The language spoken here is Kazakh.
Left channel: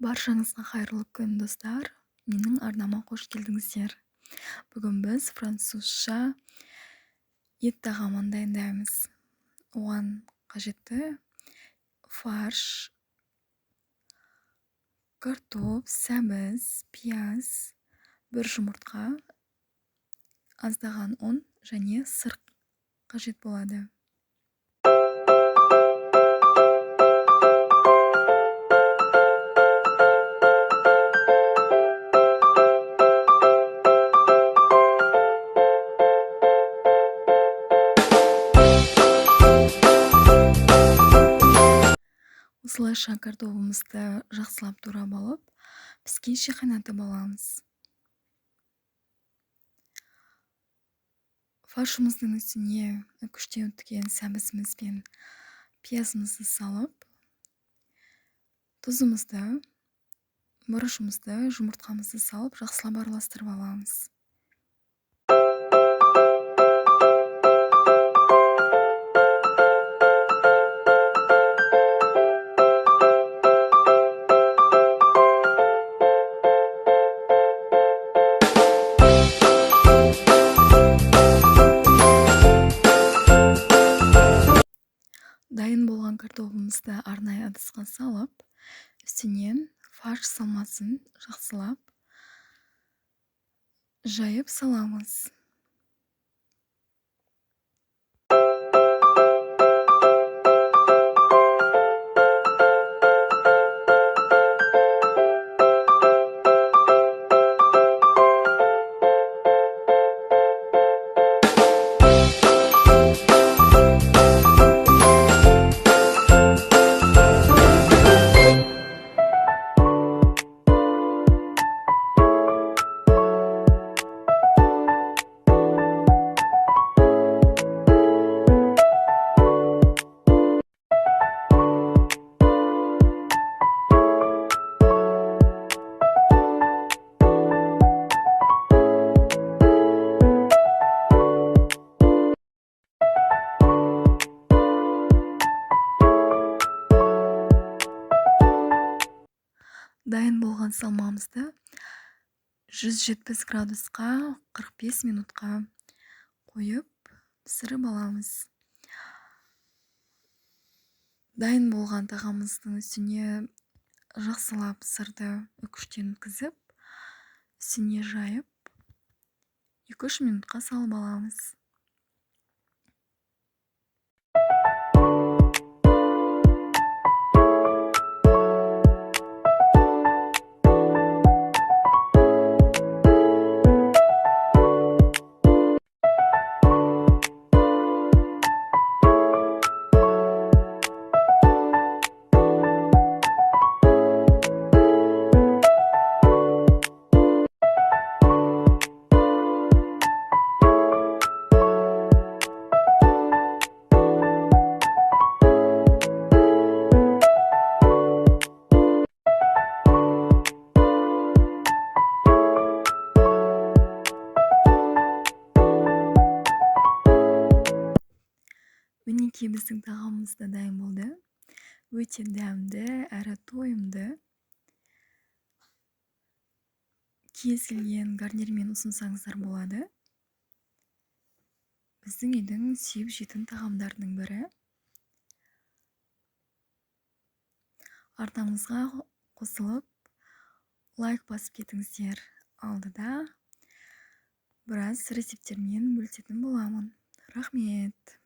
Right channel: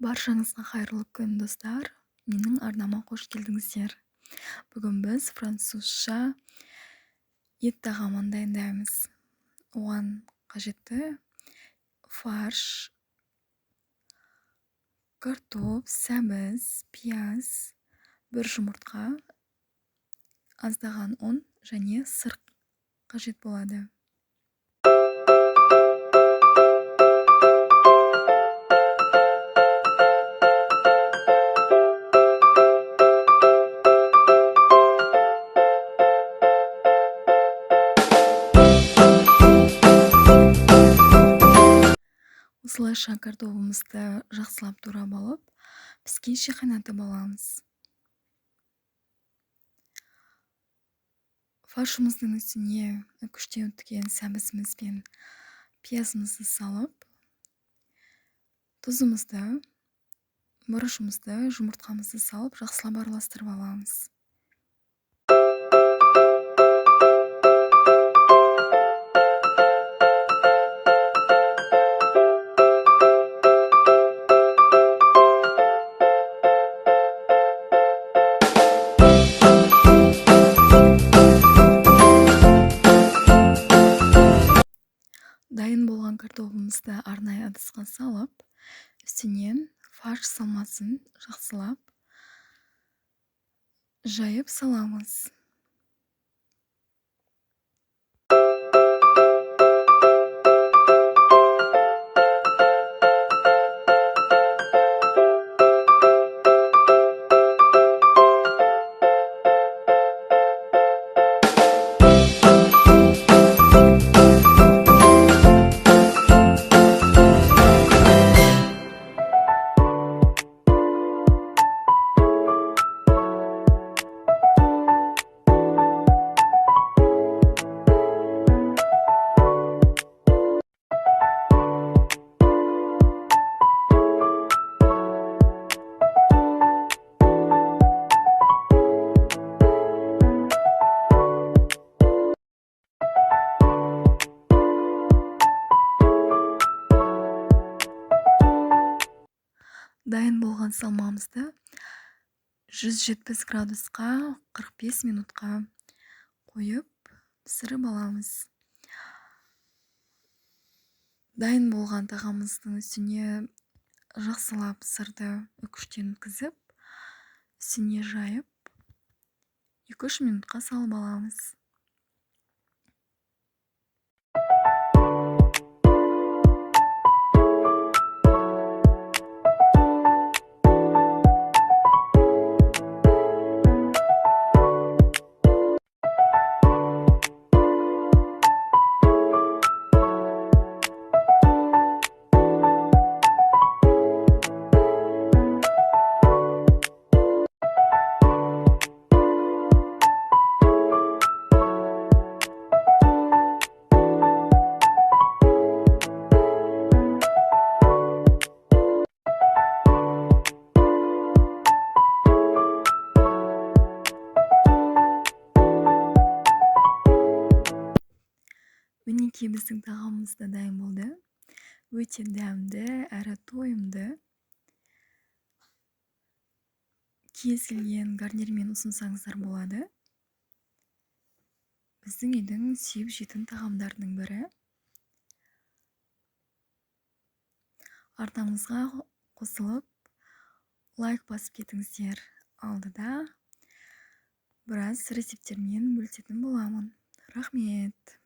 Баршаңызға қайырлы күн, достар. Менің арнама қош келдіңіздер. Бүгін біз французша ет тағамын дайындаймыз. Оған қажетті фарш, картоп, сәбіз, пияз, бір жұмыртқа, аздаған ұн және сыр қажет болады. Осылайша картопымызды жақсылап турап алып, піскенше қайнатып аламыз. Фаршымыздың үстіне үкіштен өткен сәбізіміз бен пиязымызды салып, тұзымызды, бұрышымызды, жұмыртқамызды салып, жақсылап араластырып аламыз. Дайын болған картопымызды арнайы ыдысқа салып, үстінен фарш салмасын жақсылап жайып саламыз. Дайын болған салмамызды 170 градусқа 45 минутқа қойып пісіріп аламыз. Дайын болған тағамымыздың үстіне жақсылап сырды үкіштен өткізіп, үстіне жайып 2-3 минутқа салып аламыз. Мінекей біздің тағамымыз да дайын болды. Өте дәмді әрі тойымды. Кез келген гарнирмен ұсынсаңыздар болады. Біздің үйдің сүйіп жейтін тағамдарының бірі. Артаңызға қосылып, лайк басып кетіңіздер. Алдыда біраз рецептермен бөлісетін боламын. Рахмет.